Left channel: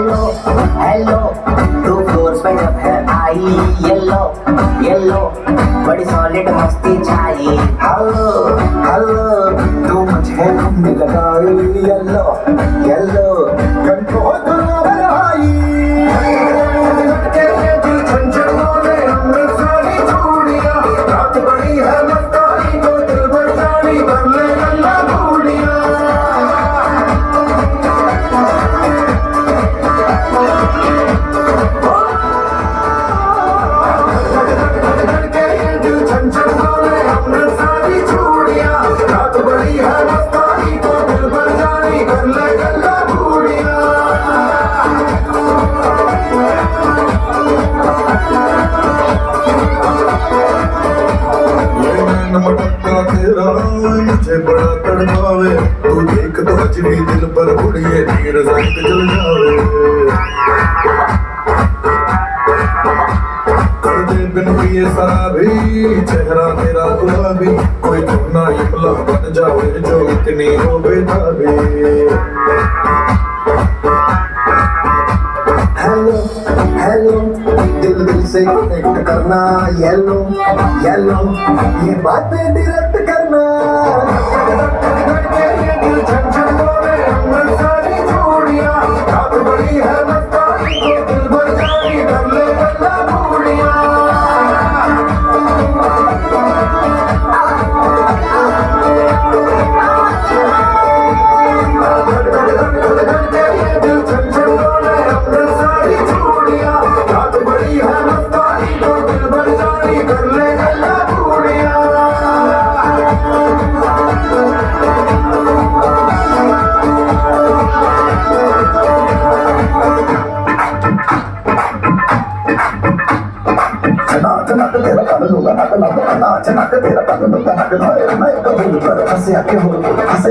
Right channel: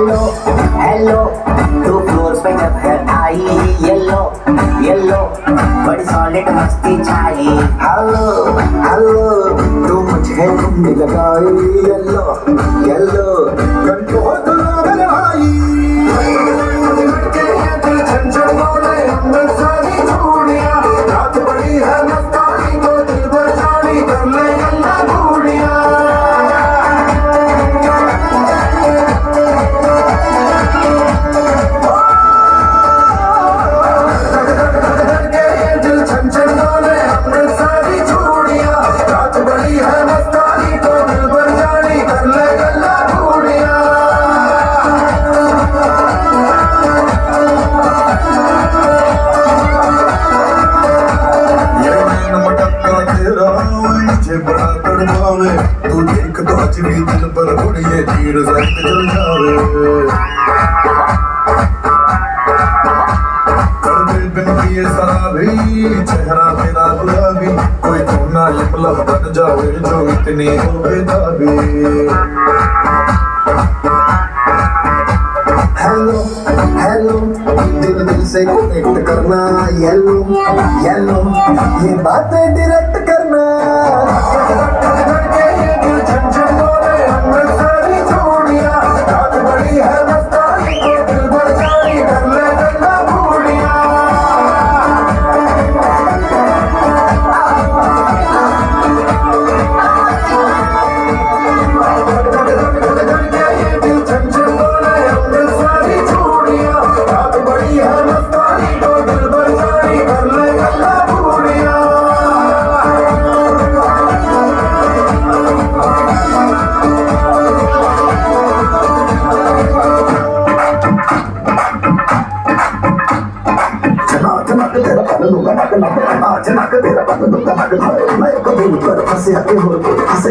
Hello hello, 2 floors पे जब है आई येलो येलो, बड़ी सॉलिड मस्ती छाई। हेलो हेलो, तू मुझे घूमने लगाई येलो येलो, कंट्रोल करो मेरा आई। लटके ये दिल छंछन बोले हमने सारी चूड़ियां, रात बड़ी है मस्तानी तो दिल भर जानी कर ले गल्ला बूढ़ियां। मुझे बड़ा तड़पावे, तू देख तो आज भी दिल पर उड़िए तीर जख्त जल जावे। कर दे बिन पिए शराबी, चेहरा तेरा गुलाबी, कोई कोना ये पलक बन जावे जो इतनी हो बेताबी। हेलो हेलो, दिल दिल से कनेक्ट करना येलो येलो, ये बातें डायरेक्ट करना। ये दिल छंछन बोले हमने सारी चूड़ियां, रात बड़ी है मस्तानी तो दिल भर जानी कर ले गल्ला बूढ़ियां। ये दिल छंछन बोले हमने सारी चूड़ियां, रात बड़ी है मस्तानी तो दिल भर जानी कर ले गल्ला बूढ़ियां। चनाक तेरा पल लूंगा नक नक, नाच नक तेरा पल लूंगा नक, मैं कभी पर फंसे आके हो फंसे